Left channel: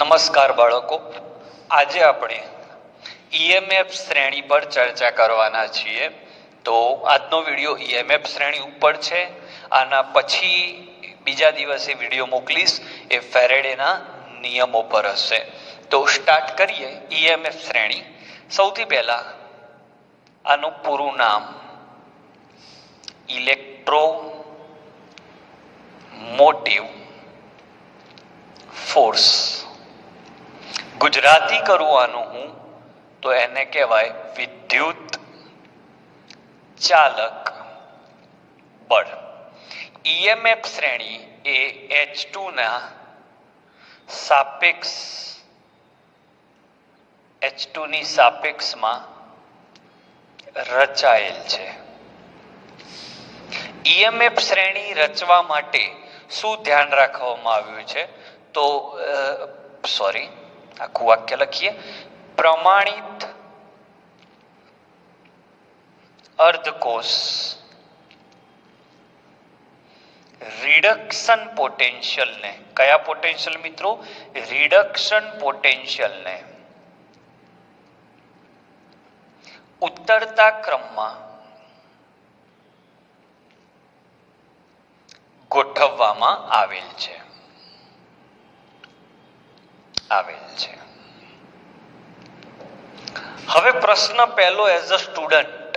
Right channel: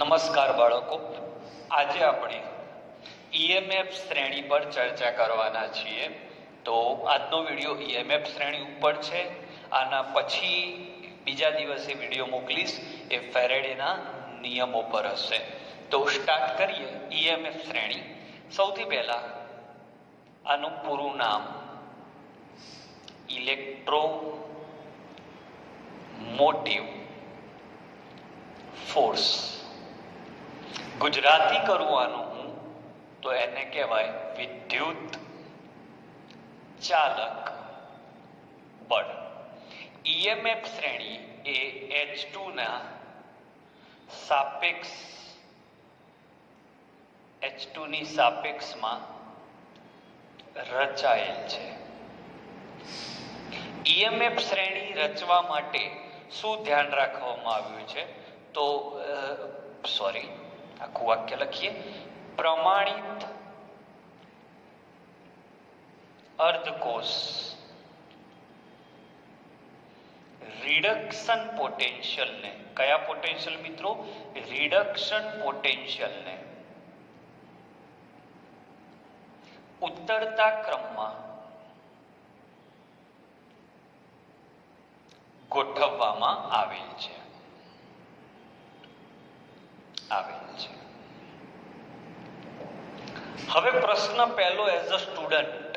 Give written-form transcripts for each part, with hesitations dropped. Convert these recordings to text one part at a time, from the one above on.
નમસ્કાર બાળકો, આજે આપણે ઈએમએફ શ્રેણી પર ચર્ચા કરવાના છીએ. તો આજનો વિડીયો ઈએમએફ શ્રેણી ઉપર છે. આના પછી બીજા દિવસે વિડીયો મોકલીશ એ ફેરેડેના નિયમો પર હશે. તો સ્ટાર્ટ કરીએ ઈએમએફ શ્રેણી. સૌથી પહેલા આનું પૂરું નામ ઇલેક્ટ્રોમોટિવ ફોર્સ. ગુજરાતી કરવાનું હું તો એને કહેવાય વિદ્યુત ચાલક બળ. ઈએમએફ શ્રેણી એ H2 ના સાપેક્ષ H2 ની સાપેક્ષમાં રચાયેલ છે. ઈએમએફ શ્રેણી રચવા માટે શું ધ્યાન રાખવામાં આવ્યું છે? તો આખું વાક્ય લખીએ. પ્રમાણિત અર્ધકોષ રિડક્શન પોટેન્શિયલ ને, કયા પોટેન્શિયલ મિત્રો? રિડક્શન પોટેન્શિયલ ને ઉત્તરતા ક્રમમાં ગોઠવવામાં આવેલ છે. હવે પ્રશ્ન પહેલો, એઝ અ સ્ટુડન્ટ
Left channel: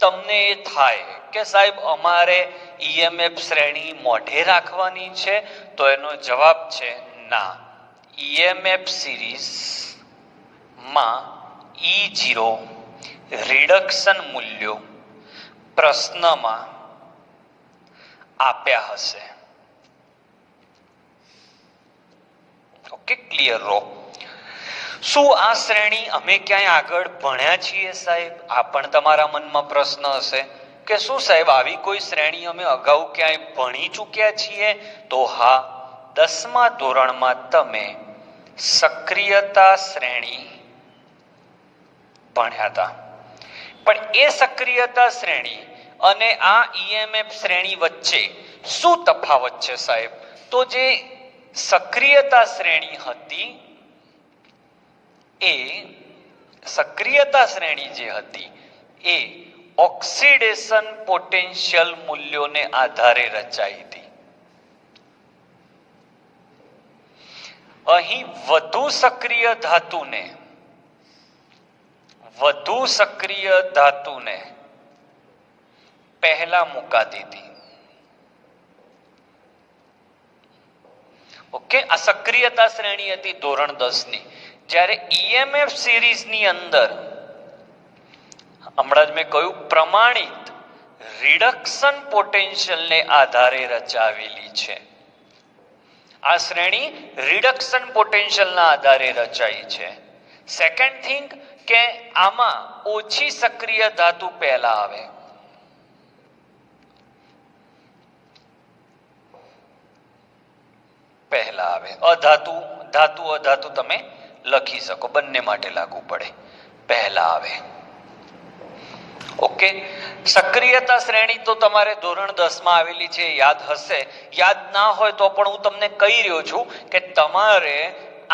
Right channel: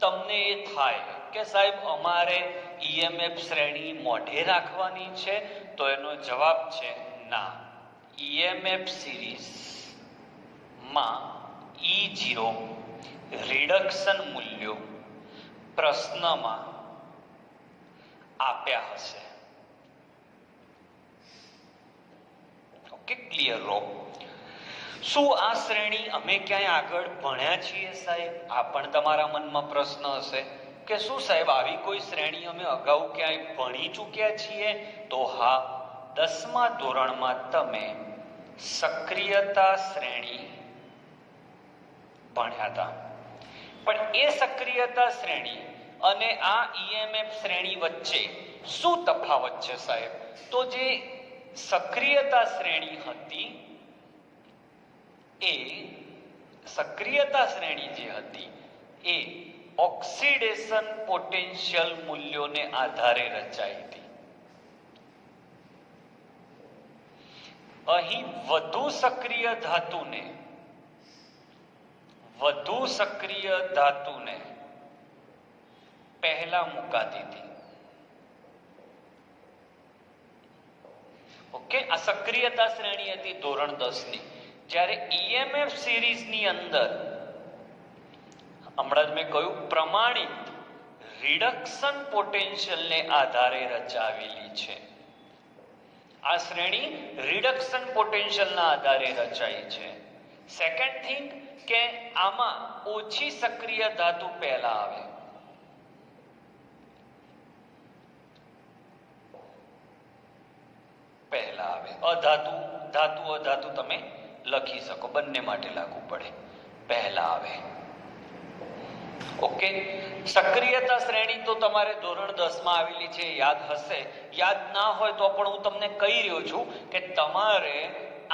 તમને એ થાય કે સાહેબ અમારે ઈએમએફ શ્રેણી મોઢે રાખવાની છે, તો એનો જવાબ છે ના. ઈએમએફ સિરીઝ માં E0 રિડક્શન મૂલ્યો પ્રશ્નમાં આપ્યા હશે. ઓકે, ક્લિયર રહો. શું આ શ્રેણી અમે ક્યાંય આગળ ભણ્યા છીએ સાહેબ? આ પણ તમારા મનમાં પ્રશ્ન હશે કે શું સાહેબ આવી કોઈ શ્રેણી અમે અગાઉ ક્યાંય ભણી ચૂક્યા છીએ? તો હા, 10મા ધોરણમાં તમે સક્રિયતા શ્રેણી ભણ્યા હતા. પણ એ સક્રિયતા શ્રેણી અને આ ઈએમએફ શ્રેણી વચ્ચે શું તફાવત છે સાહેબ? તો જે સક્રિયતા શ્રેણી હતી એ ઓક્સિડેશન પોટેન્શિયલ મૂલ્યોને આધારે રચાઈ હતી. અહીં વધુ સક્રિય ધાતુને પહેલા મુકાતી હતી. ઓકે, આ સક્રિયતા શ્રેણી હતી ધોરણ 10 ની. જ્યારે ઈએમએફ સિરીઝ ની અંદર હમણાં જ મેં કહ્યું પ્રમાણિત રિડક્શન પોટેન્શિયલ ને આધારે રચાવેલી છે. આ શ્રેણી રિડક્શન પોટેન્શિયલ ના આધારે રચાઈ છે. સેકન્ડ થિંગ કે આમાં ઓછી સક્રિય ધાતુ પહેલા આવે. અધાતુ તમે લખી શકો, બંને માટે લાગુ પડે. પહેલા આવે. ઓકે, સક્રિયતા શ્રેણી તો તમારે ધોરણ 10 માં આવેલી છે, યાદ હશે. યાદ ના હોય તો પણ હું તમને કહી રહ્યો છું કે તમારે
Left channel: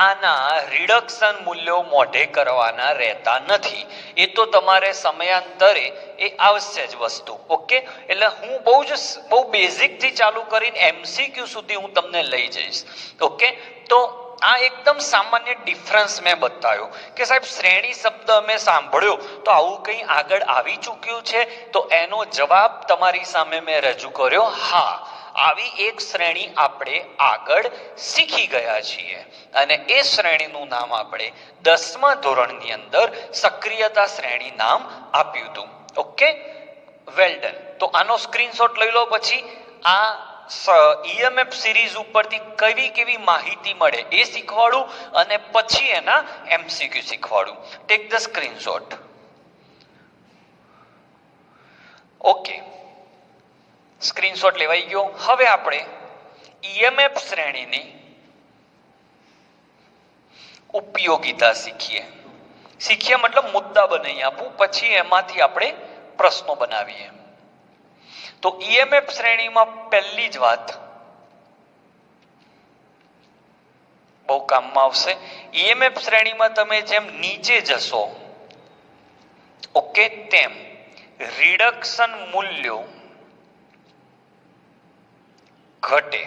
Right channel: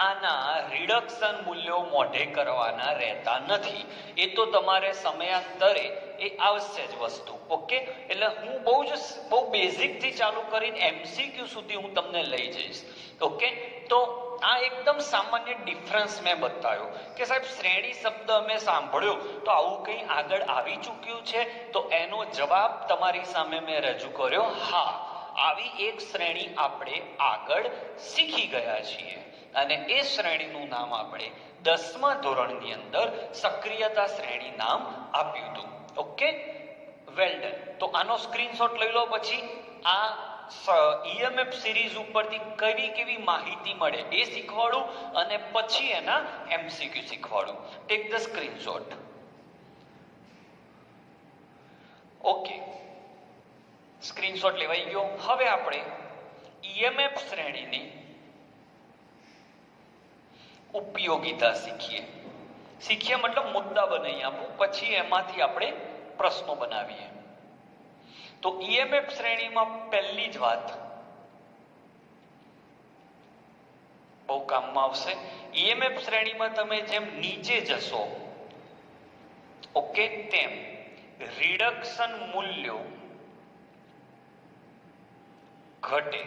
આના રિડક્શન મૂલ્યો મોઢે કરવાના રહેતા નથી. એ તો તમારે સમયાંતરે એ આવશે જ વસ્તુ. ઓકે, એટલે હું બહુ બેઝિક થી ચાલુ કરીને MCQ સુધી હું તમને લઈ જઈશ. ઓકે, તો આ એકદમ સામાન્ય ડિફરન્સ મેં બતાવ્યો કે સાહેબ શ્રેણી શબ્દ અમે સાંભળ્યો તો આવું કંઈ આગળ આવી ચૂક્યું છે? તો એનો જવાબ તમારી સામે મેં રજૂ કર્યો. હા, આવી એક શ્રેણી આપણે આગળ શીખી ગયા છીએ અને એ શ્રેણીનું નામ આપણે 10મા ધોરણની અંદર સક્રિયતા શ્રેણી નામ આપ્યું હતું. Okay, well done. તો આનો સ્ક્રીનશોટ લઈ લો. પછી આ ઈએમએફ સિરીઝ ઉપરથી કેવી માહિતી મળે એ શીખવાડું અને પછી એના MCQ શીખવાડું. Take the screenshot. Okay, screenshot લેવાઈ ગયો. હવે આપણે ઈએમએફ શ્રેણીની ઉપયોગિતા શીખીએ મતલબ મુદ્દા બનાવી આપું, પછી એમાંથી આપણે પ્રશ્નો બનાવીએ. તો ઈએમએફ શ્રેણીમાં પહેલી જ વાત, બહુ કામમાં આવશે. ઈએમએફ શ્રેણીમાં તમે જેમ નીચે જશો ઓકે તેમ રિડક્શન મૂલ્યો ઘટે.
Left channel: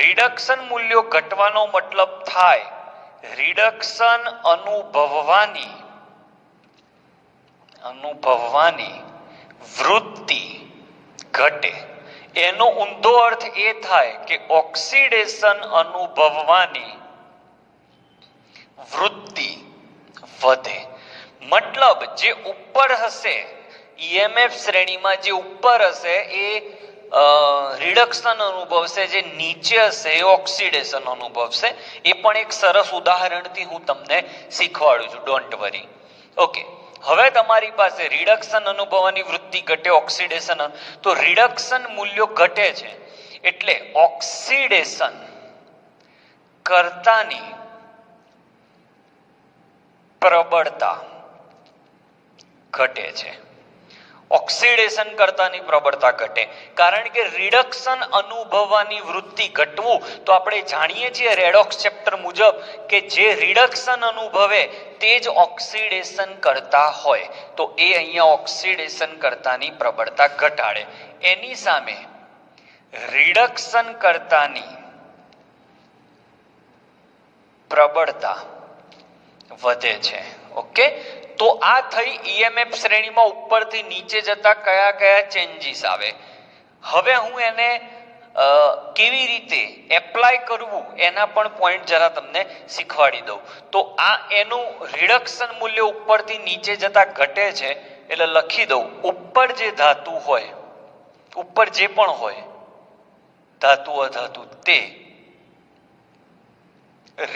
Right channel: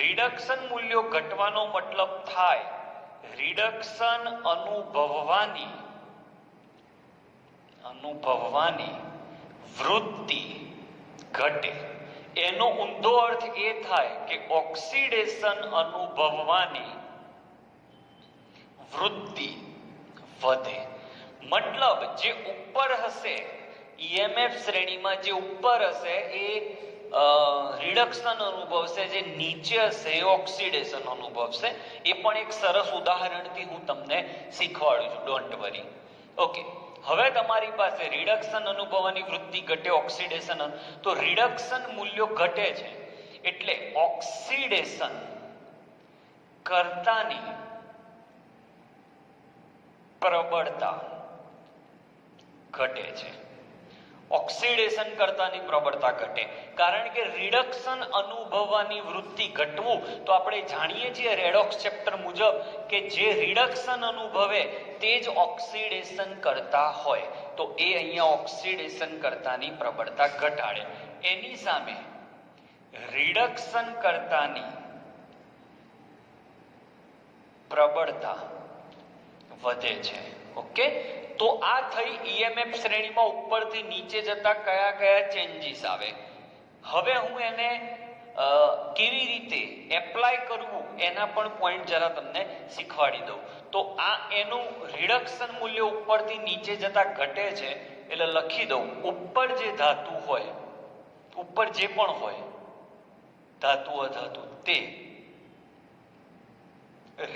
રિડક્શન મૂલ્યો ઘટવાનો મતલબ થાય રિડક્શન અનુભવવાની વૃત્તિ ઘટે. એનો ઊંધો અર્થ એ થાય કે ઓક્સિડેશન અનુભવવાની વૃત્તિ વધે. મતલબ જે ઉપર હશે ઈએમએફ શ્રેણીમાં જે ઉપર હશે એ રિડક્શન અનુભવશે, જે નીચે હશે એ ઓક્સિડેશન અનુભવશે. એ પણ એક સરસ ઉદાહરણથી હું તમને શીખવાડું છું, ડોન્ટ વરી. ઓકે, હવે તમારી પાસે રિડક્શન અનુભવવાની વૃત્તિ ઘટે, ઓક્સિડેશન, તો રિડક્શન મૂલ્યો ઘટે છે એટલે ઓક્સિડેશન કરતાની પ્રબળતા ઘટે છે. ઓક્સિડેશન કરતાની પ્રબળતા ઘટે કારણ કે રિડક્શન અનુભવવાની વૃત્તિ ઘટવું તો આપણે જાણીએ છીએ રેડોક્સ ચેપ્ટર મુજબ કે જે રિડક્શન અનુભવે તે જ ઓક્સિડેશન કરતા હોય, તો એ અહીંયા ઓક્સિડેશન કરતાની પ્રબળતા ઘટાડે. એની સામે રિડક્શન કરતાની પ્રબળતા વધે છે. ઓકે, તો આ થઈ ઈએમએફ શ્રેણીમાં ઉપરથી નીચે જતા કયા કયા ચેન્જીસ આવે. હવે હું એને કેવી રીતે એપ્લાય કરવું એના પણ પોઈન્ટ જરા તમને શીખવાડી દઉં. તો આ એનું રિડક્શન મૂલ્ય ઉપરથી નીચે જતા ઘટે છે એટલે લખી દઉં ઉપર જે ધાતુ હોય, ઉપર જે પણ હોય ધાતુ અધાતુ, તે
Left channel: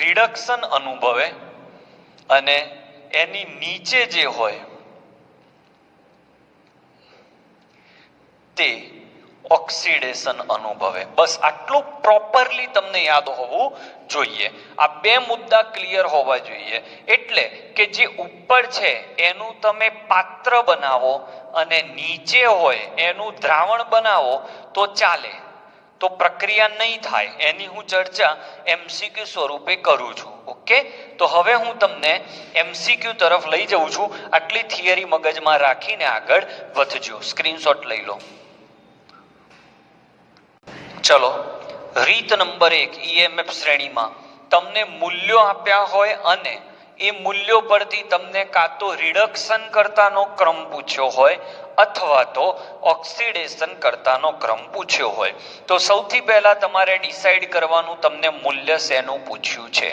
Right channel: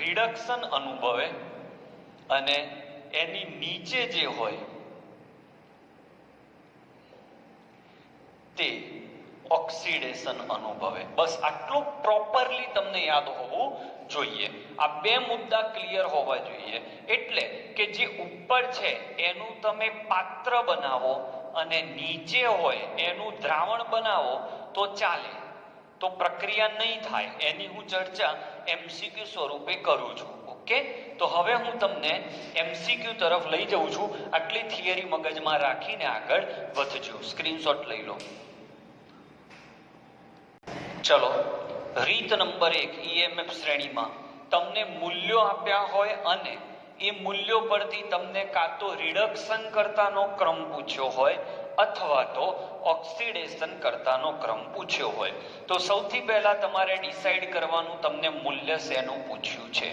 રિડક્શન અનુભવે અને એની નીચે જે હોય તે ઓક્સિડેશન અનુભવે. બસ આટલું પ્રોપરલી તમને યાદ હોવું જોઈએ. આ બે મુદ્દા ક્લિયર હોવા જોઈએ. એટલે કે જે ઉપર છે એનું તમે પાત્ર બનાવો અને નીચે હોય એનું દ્રાવણ બનાવો તો ચાલે, તો પ્રક્રિયા નહીં થાય. એની હું ચર્ચા એમસીક્યુ સ્વરૂપે કરું છું. ઓકે, તો હવે હું તમને એમસીક્યુ તરફ લઈ જઉં છું. આટલી થિયરી મગજમાં રાખીને આગળ વધજો. સ્ક્રીનશોટ લઈ લો. ચલો, રીત નંબર 1, ઈએમએફ શ્રેણીમાં તમને મૂલ્યો આપ્યા હોય અને એ મૂલ્યો પરથી તમને કાં તો રિડક્શન કરતાનો ક્રમ પૂછ્યો હોય અથવા તો ઓક્સિડેશન કરતાનો ક્રમ પૂછ્યો હોય, તો સૌથી પહેલા તમારે ડિસાઈડ કરવાનું તમને મૂલ્ય શેનું પૂછ્યું છે.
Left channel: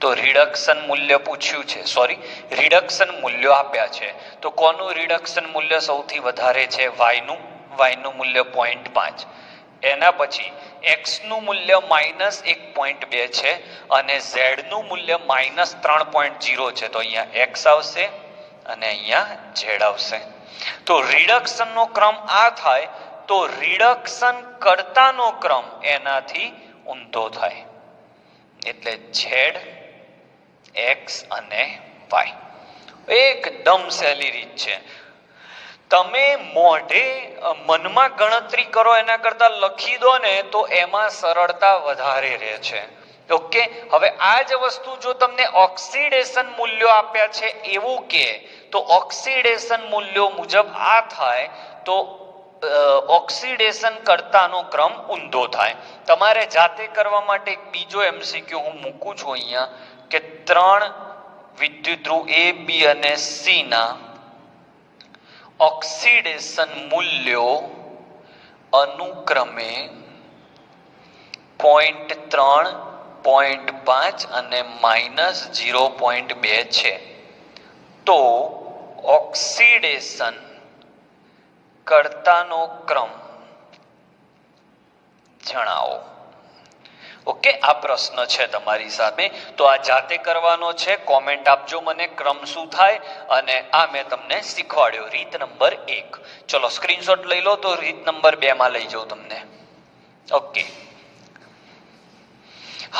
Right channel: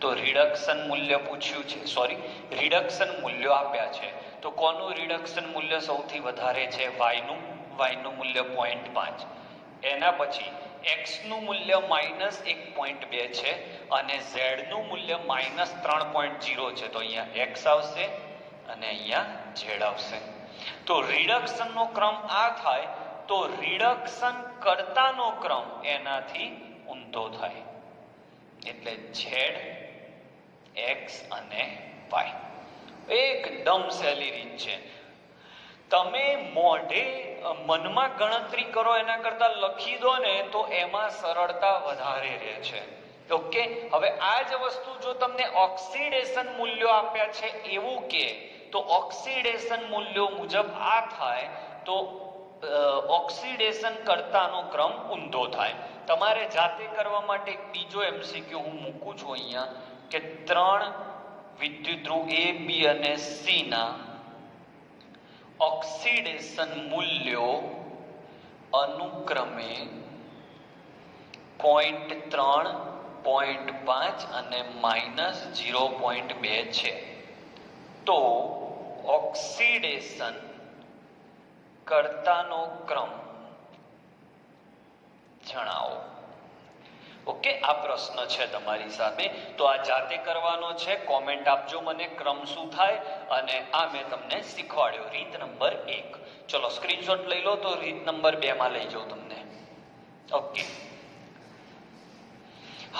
તો રિડક્શન મૂલ્ય પૂછ્યું છે, રિડક્શન મૂલ્યો આપ્યા છે. તો કોનું રિડક્શન મૂલ્ય સૌથી વધારે છે? વાયનું મૂલ્ય 0.5. એના પછી x નું મૂલ્ય -1.2 છે અને z નું મૂલ્ય -3.0 છે. તો અહીંયા x આવશે અને અહીંયા z આવશે. તો રિડક્શન નો ક્રમ આ થાય તો રિડક્શન કરતાનો ક્રમ એનાથી ઊંધો થાય. એટલે z, x અને y. એકદમ સહેલી રીત છે. તમે મોઢે મનમાં ગણતરી કરો એના કરતા લખી દો ને તો એમાં સરળતા વધારે રહે છે. ઓકે, હવે આ જ વસ્તુ જો તમને ઓક્સિડેશન મૂલ્યો આપ્યા છે એવું કે તો ઓક્સિડેશન મૂલ્યો મુજબ આ થાય તો ઓક્સિડેશન કરતાનો ક્રમ ઊંધો થાય. તમારે જાતે કરવા માટે એક બીજો એમસીક્યુ હું મૂકું છું અહીંયા કે 3 વિદ્યુત ધ્રુવ A, B અને C ના ઓક્સિડેશન મૂલ્યો અનુક્રમે 0.3, 0.5 અને -0.2 છે. તો ઓક્સિડેશન કરતાનો ક્રમ જણાવો. ઓકે, આ પ્રશ્ન છે તમારી સામે. તો આ જાતે કરવાનો છે. કોમેન્ટ આપજો મને ક્રમ શું થાય અને આ મેં તમને શીખવાડ્યો. રીત નંબર 1. ચલો સ્ક્રીનશોટ લઈ લો તો રીત નંબર 2 માં લઈ જાઉં તમને. ઓકે,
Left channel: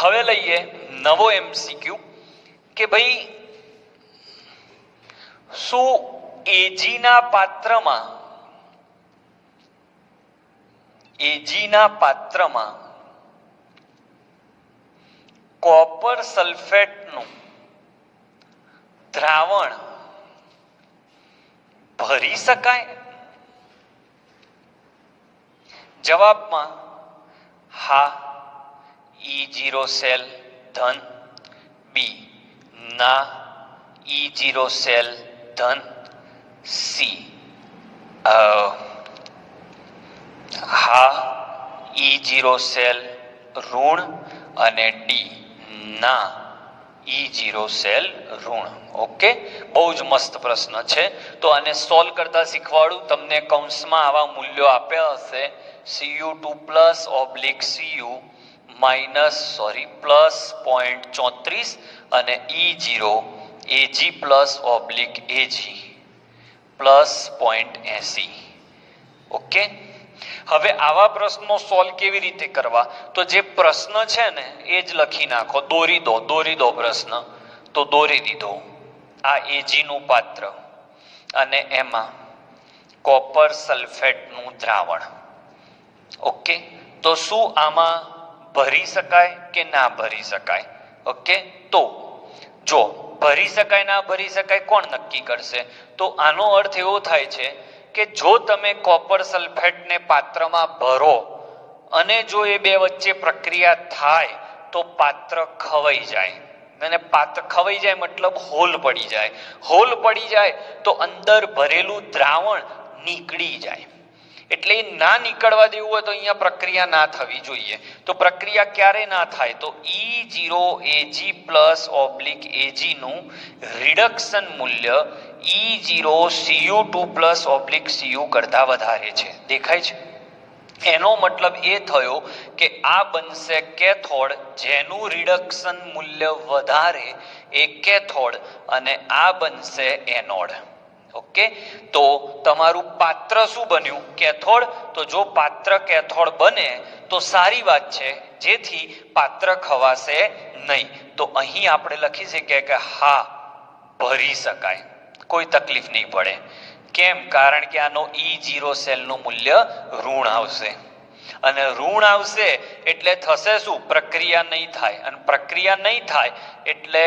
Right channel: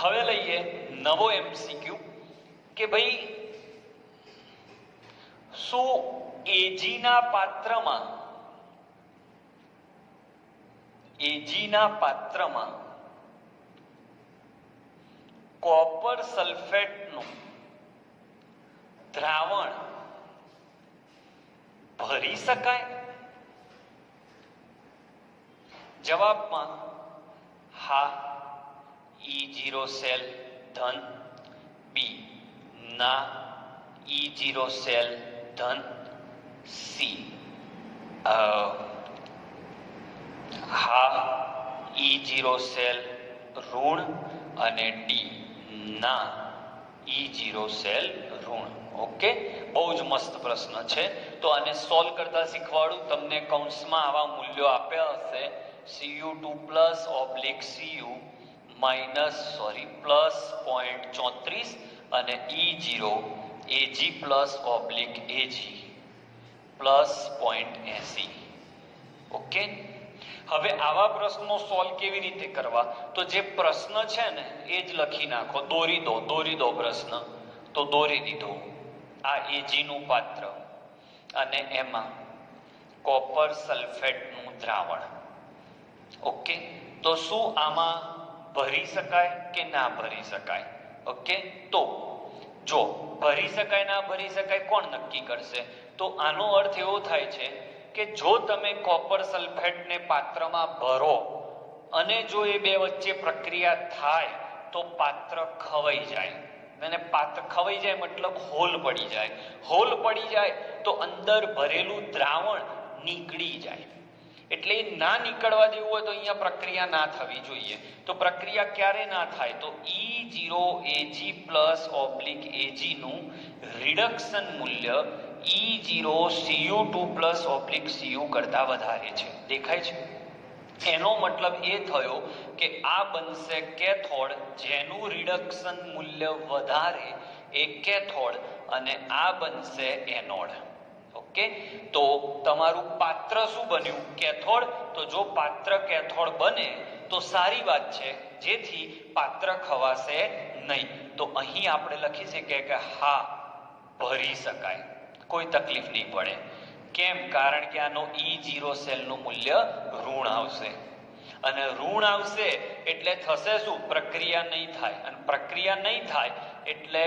હવે લઈએ નવો એમસીક્યુ કે ભાઈ શું એજીના પાત્રમાં કોપર સલ્ફેટનું દ્રાવણ ભરી શકાય? જવાબમાં હા E0 સેલ ધન, બી ના E0 સેલ ધન, સી હા E0 સેલ ઋણ અને ડી ના E0 સેલ ઋણ. ઓકે, બહુ જ મસ્ત પ્રશ્ન છે. તો આને સોલ્વ કરતા શીખવાડું. તમને કૌંસમાં આવા મૂલ્યો આપ્યા હશે Cu2+/Cu પ્લસ 0.34 અને E0 Ag+/Ag પ્લસ 0.80. ઓકે, હવે આવા પ્રશ્નો સોલ્વ કેવી રીતે કરવા? તો જે પ્રશ્ન છે ને એ જ લખી નાખો. દોરી દો પ્રશ્ન. તો દોરી દીધો. આ Ag નું પાત્ર અને એમાં કોપર સલ્ફેટનું દ્રાવણ. ઓકે, તો શું આમાં ભરી શકાય કે ના ભરી શકાય? ઓકે, તો જો ભરી શકાય ના ભરી શકાય કોણ નક્કી કરશે? તો આનો અર્થ એવો થાય છે કે જો તમે કોપર સલ્ફેટને પાત્રમાં ભરો અને જો એ બે વચ્ચે પ્રક્રિયા થાય તો પાત્ર ખવાઈ જાય. અને પાત્ર ખવાઈ જાય મતલબ હોલ પડી જાય. હોલ પડી જાય તો અંદર ભરેલું દ્રાવણ નીકળી જાય. એટલે ના નીકળવા દેવું હોય તો અહીંયા પ્રક્રિયા ના થવી જોઈએ. તો પ્રક્રિયા ક્યારે ના થાય? તો E0 Ag+/Ag નું રિડક્શન મૂલ્ય E0 Cu2+/Cu કરતા વધારે છે. દેખાય છે? એનો મતલબ એ થયો કે આ બનશે કેથોડ, જેનું રિડક્શન મૂલ્ય વધારે એ કેથોડ, અને આ બનશે એનોડ. ઓકે, તો તમારું પાત્ર શું બન્યું? કેથોડ. તો જો પાત્ર કેથોડ બને તો સારી વાત છે, જેથી પાત્ર ખવાશે નહીં. તો અહીં આપણે લખી શકીએ કે હા ભરી શકાય, કોઈ તકલીફ નહીં પડે. કેમ? કારણ કે આનો E0 સેલનું મૂલ્ય ઋણ આવશે અને ઋણ આવશે એટલે થશે શું? પ્રક્રિયા નહીં થાય. અને પ્રક્રિયા નહીં થાય એટલે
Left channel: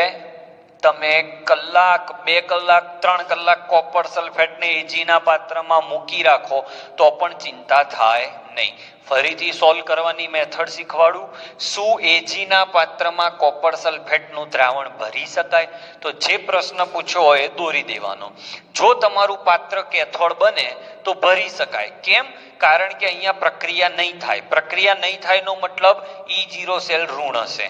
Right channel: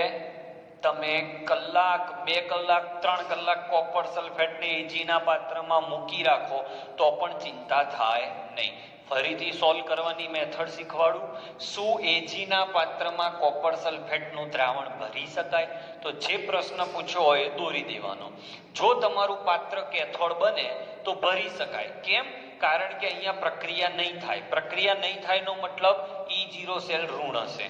તમે કલાક, 2 કલાક, 3 કલાક કોપર સલ્ફેટને Ag ના પાત્રમાં મૂકી રાખો તો પણ ચિંતા થાય નહીં. ફરીથી સોલ્વ કરવાની મેથડ શીખવાડું. શું Ag ના પાત્રમાં કોપર સલ્ફેટનું દ્રાવણ ભરી શકાય? તો જે પ્રશ્ન પૂછ્યો હોય એ દોરી દેવાનો. જો તમારું પાત્ર કેથોડ બને તો ભરી શકાય. કેમ? કારણ કે અહીંયા પ્રક્રિયા નહીં થાય. પ્રક્રિયા નહીં થાય નો મતલબ E0 સેલ ઋણ હશે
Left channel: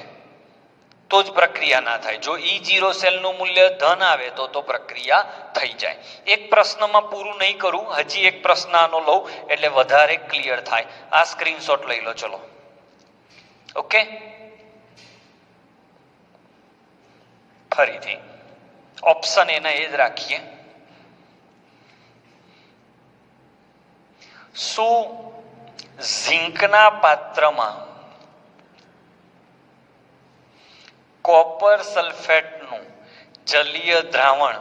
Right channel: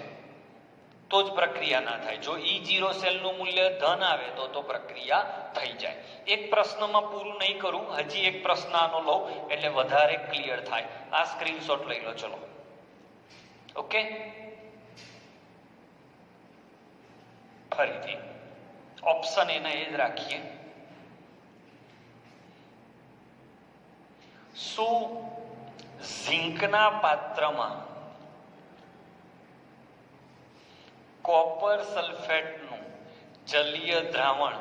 તો જ પ્રક્રિયા ના થાય. જો E0 સેલનું મૂલ્ય ધન આવે તો પ્રક્રિયા થઈ જાય. એક પ્રશ્નમાં પૂરું નહીં કરું, હજી એક પ્રશ્ન આનો લઉં એટલે વધારે ક્લિયર થાય. આ સ્ક્રીનશોટ લઈ લો. ચલો, ઓકે, ફરીથી ઓપ્શન એના એ જ રાખીએ. શું ઝીંકના પાત્રમાં કોપર સલ્ફેટનું જલીય દ્રાવણ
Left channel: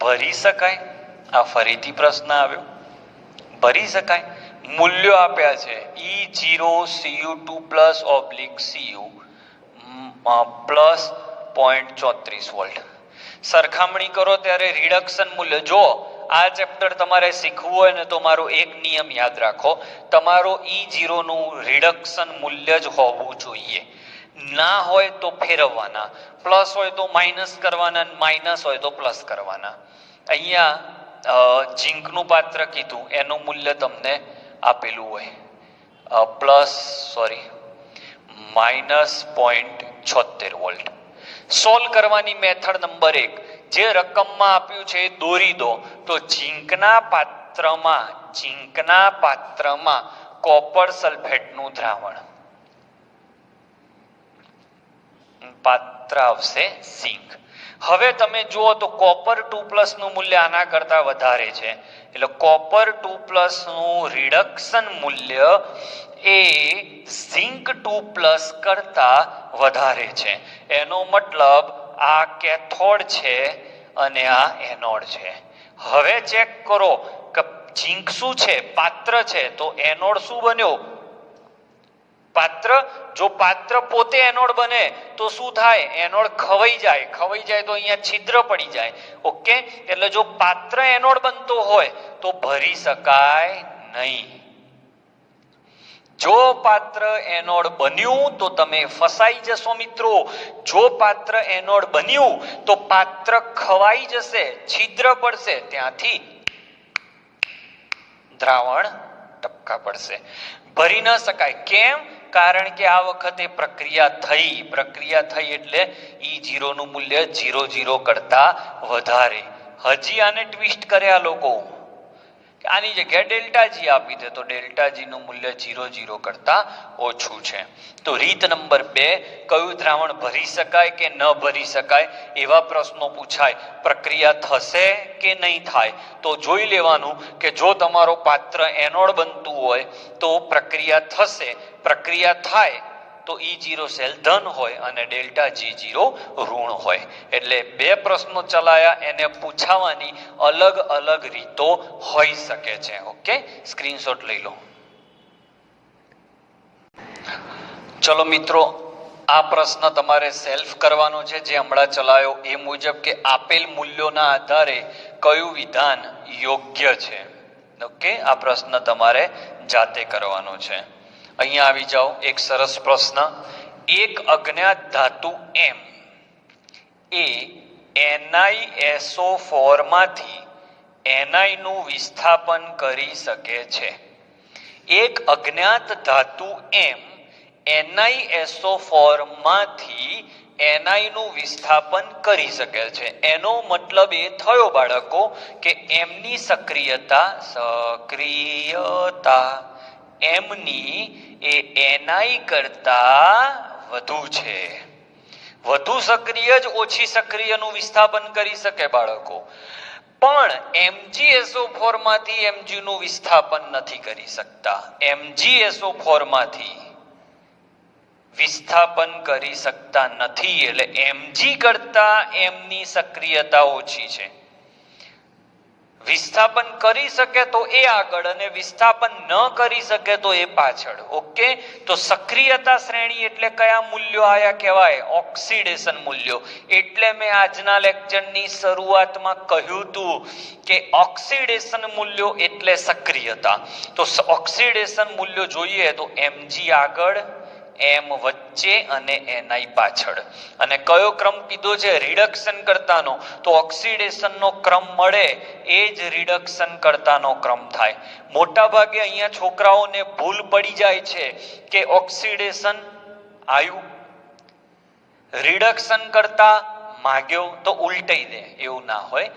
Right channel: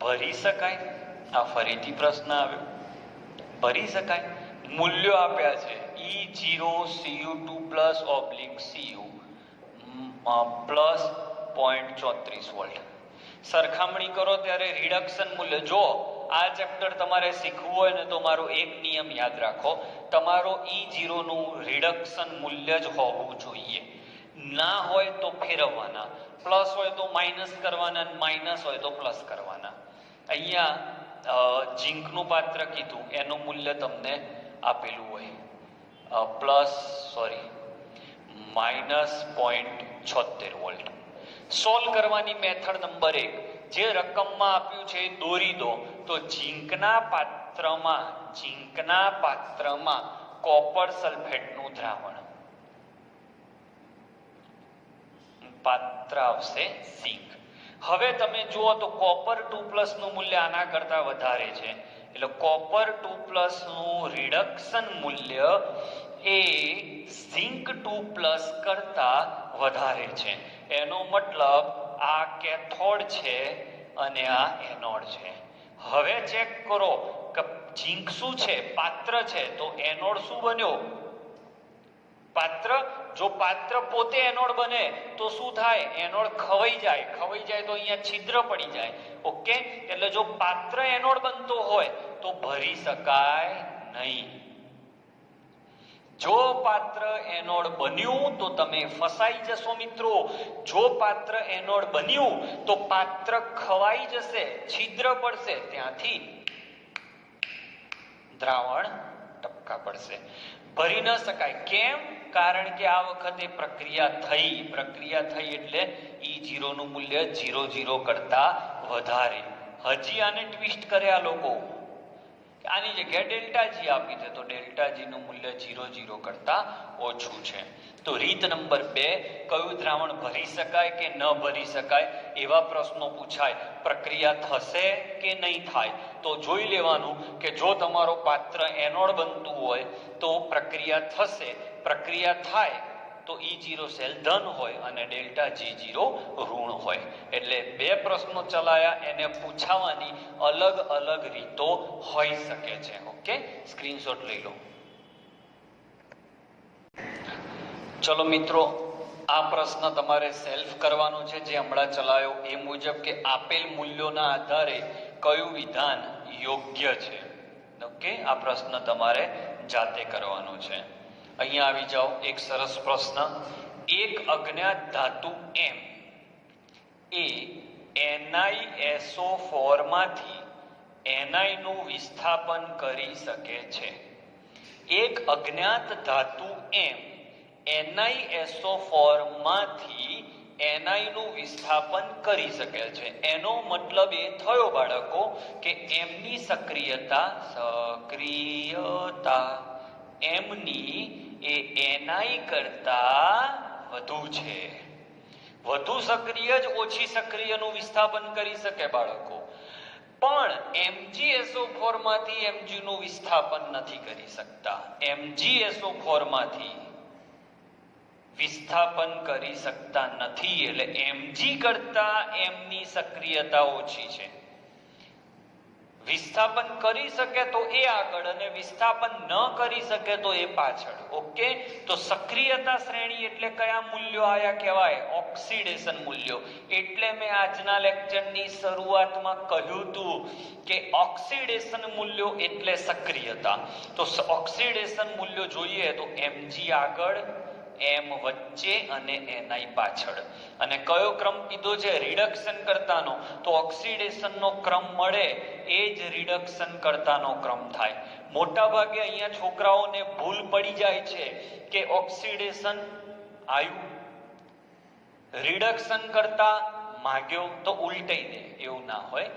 ભરી શકાય? આ ફરીથી પ્રશ્ન આવ્યો. ભરી શકાય. મૂલ્યો આપ્યા છે E0 Cu2+/Cu પ્લસ 0.34 વોલ્ટ. સરખામણી કરો ત્યારે રિડક્શન મૂલ્ય જો આ ચેપ્ટર તમારે શીખવું હોય ને તો મારો એક નિયમ યાદ રાખો. તમારો E0 નું રિડક્શન મૂલ્ય જ હોવું જોઈએ. ના હોય તો ફેરવવાના, પ્લસ હોય તો માઇનસ કરવાના, માઇનસ હોય તો પ્લસ કરવાના. અહીંયા ઝીંકનું પાત્ર કીધું એનું મૂલ્ય તમને આપેલું હોય -0.76 વોલ્ટ. સોલ્વ કરવાની મેથડ નંબર 1, જે રકમમાં આપ્યું છે એ દોરી દો. તો ઝીંકના પાત્રમાં કોપર સલ્ફેટનું દ્રાવણ, પાત્ર આવશે ઝીંક. હવે તમે જુઓ તો કોપર 2+ નું મૂલ્ય આના કરતા વધારે છે, એટલે કોપર 2+ નું રિડક્શન મૂલ્ય એ ઝીંક 2+ કરતા વધારે છે. એનો મતલબ આ કેથોડ છે અને આ એનોડ છે. હવે ચેક કરો કે ઝીંક શું છે? પાત્ર છે. તો એનોડ શું બન્યો? પાત્ર, જો પાત્ર પોતે એનોડ બને તો શું થાય? એનોડ ખવાઈ જાય તો અહીંયા છિદ્ર પડી જાય. ઓકે, એટલે જો પાત્ર એનોડ બનતો હોય તો ભરી શકાય નહીં. જો પાત્ર એનોડ બન્યું તો તમે ફસાઈ જશો મિત્રો. જો પાત્ર એનોડ બન્યું તો પાત્ર ખવાઈ જશે, છિદ્ર પડશે, ત્યાંથી દ્રાવણ ટપકા પડશે. ભરી ન શકાય. કેમ? કારણ કે આ વખતે પ્રક્રિયા થઈ એટલે E0 નું મૂલ્ય 0 કરતા વધારે. હજી આને ટ્વિસ્ટ કર્યા લોકો, આની જગ્યાએ ડેલ્ટા જી આપી દે તો ડેલ્ટા જી નું મૂલ્ય 0 કરતા ઓછું છે. તો રીત નંબર 2, કયું દ્રાવણ ભરી શકાય કે ન ભરી શકાય એવા પ્રશ્નો પૂછાય. પ્રક્રિયા થશે કે નહીં થાય તો જોઈ લેવાનું કે જો તમારો પાત્ર એનોડ બનતું હોય તો પ્રક્રિયા થશે, પ્રક્રિયા થાય તો E0 સેલ ધન હોય અને ડેલ્ટા G0 ઋણ હોય. એટલે 2 પ્રશ્નો ચલાયા, એને પૂછાવાની અલગ અલગ રીતો હોઈ શકે છે. ઓકે, સ્ક્રીનશોટ લઈ લો. ચલો મિત્રો, આ પ્રશ્ન તમારે સેલ્ફ કરવાનો છે જે હમણાં ચલાયો એ મુજબ, કે આપેલ મૂલ્યોના આધારે કયું વિધાન યોગ્ય છે. ઓકે, આ પ્રશ્ન તમારે જાતે કરવાનો છે. અહીંયા આવી જાઓ. એક સરસ પ્રશ્ન. એક અજ્ઞાત ધાતુ M એ NiSO4 માંથી Ni નું વિસ્થાપન કરી શકે છે. એક અજ્ઞાત ધાતુ M NiSO4 માંથી Ni નું વિસ્થાપન કરી શકે છે. એનો મતલબ એ થયો બાળકો કે M ની સક્રિયતા M ની એ Ni કરતા વધુ છે. વધુ સક્રિય જ ઓછી સક્રિયનું વિસ્થાપન કરી શકે બાળકો, પણ MgSO4 માંથી Mg નું વિસ્થાપન નથી કરી શકતા. MgSO4 માંથી વિસ્થાપન કરી શકતા નથી, એટલે Mg કરતા M ની સક્રિયતા ઓછી છે. વિસ્થાપન કરી શકે તો એ આગળ અને વિસ્થાપન ન કરી શકે તો એ પાછળ. ઓકે, તો સક્રિયતા શ્રેણી એટલે કયા મૂલ્યો આયા કહેવાય? ઓક્સિડેશન મૂલ્યો. એટલે મેં આજના લેક્ચરની શરૂઆતમાં કહ્યું હતું કે ઓક્સિડેશન મૂલ્યો એટલે સક્રિયતા. તો ઓક્સિડેશન મૂલ્યો જોઈએ તો Mg આગળ, M વચ્ચે અને Ni પાછળ. અને કયો ક્રમ કીધો છે? રિડક્શન કરતાનો. તો ઓક્સિડેશનનો ક્રમ મળે એ જ રિડક્શન કરતાનો ક્રમ થાય. મોટા ભાગે અહીંયા છોકરાઓને ભૂલ પડી જાય છે કે ઓક્સિડેશન આવ્યું, રિડક્શન કરતા માગ્યો તો ઉલટાઈ દે. એવું ના હોય.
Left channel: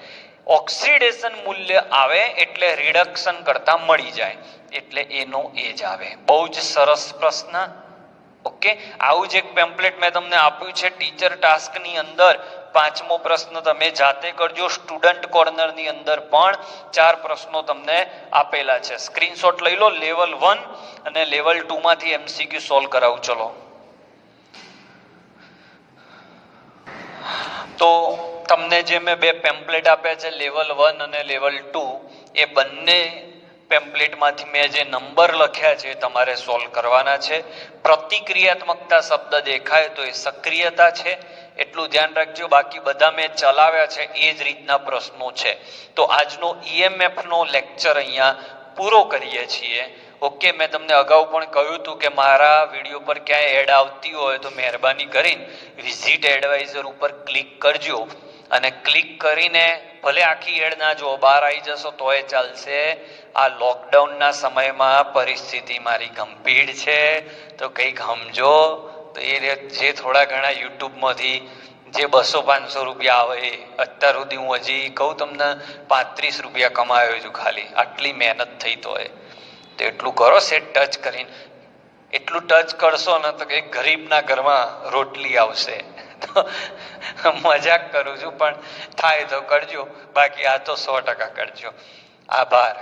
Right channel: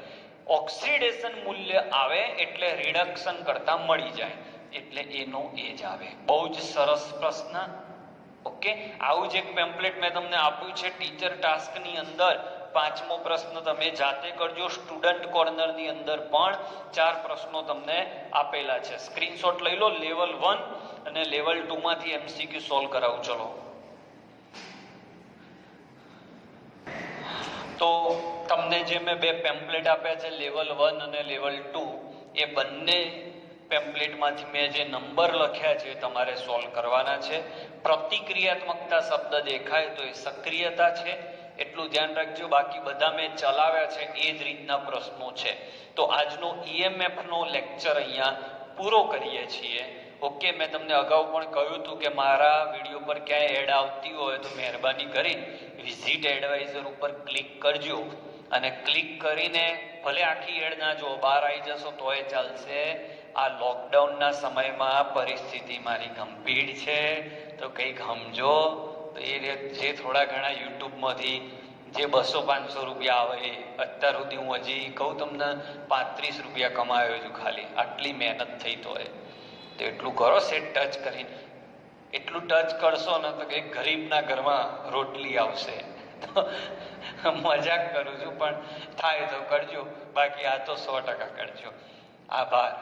ઓક્સિડેશન મૂલ્ય આવે એટલે રિડક્શન કરતા મળી જાય, એટલે એનો એ જ આવે. બહુ જ સરસ પ્રશ્ન. ઓકે, આવું જ એક પેમ્પલેટ મેં તમને આપ્યું છે ટીચર ટાસ્ક ની અંદર. 5મો પ્રશ્ન તમે જાતે કરજો. સ્ટુડન્ટ કોર્નર ની અંદર પણ 4 પ્રશ્નો તમને આપેલા છે. સ્ક્રીનશોટ લઈ લો. લેવલ 1 અને લેવલ 2 માંથી MCQ સોલ્વ કરાવું. ચલો, તો તમને જે મેં 2 પેમ્પલેટ આપ્યા છે લેવલ 1 અને લેવલ 2, એ બંને પેમ્પલેટમાંથી મેં જે નંબર લખ્યા છે તમારે સોલ્વ કરવાના છે. પ્રતિક્રિયાત્મકતા શબ્દ દેખાય તો એ સક્રિયતા છે, એટલું ધ્યાન રાખજો. બાકી બધા મેં ચલાવ્યા છે એ જ રીતના પ્રશ્નો છે. તો આજનો EMF નો લેક્ચર અહીંયા પૂરો કરીએ છીએ. ઓકે, મેં તમને અગાઉ પણ કહ્યું હતું કે મારા વિડીયો પર ક્યાંય એડ આવતી હોય તો મહેરબાની કરીને વિઝિટ એડવાઇઝર ઉપર ક્લિક કરજો, અને ક્લિક કરીને ભલે આખી એડ ના જો, બહાર આવી જશો તોય ચાલશે. આ લોકડાઉનના સમયમાં પરિસ્થિતિ મારી ગંભીર છે, તો કંઈક સમજો. તો એ જે થોડા ઘણા યુટ્યુબમાંથી જે 200-500 રૂપિયા આવે એ અત્યાર સુધી હું હજી કહું તમને 35 રૂપિયા કમાયો છું ખાલી. આટલી મહેનત થઈ તો એટલું કરો. સેટ ટચ કરીને એટલું ટચ કરશો ને તો કંઈક ગરીબના ઘરમાં રોટલી આવશે. મજાક કરું છું, પણ થાય તો કરજો, બાકી આ તો 100% કરજો. આભાર.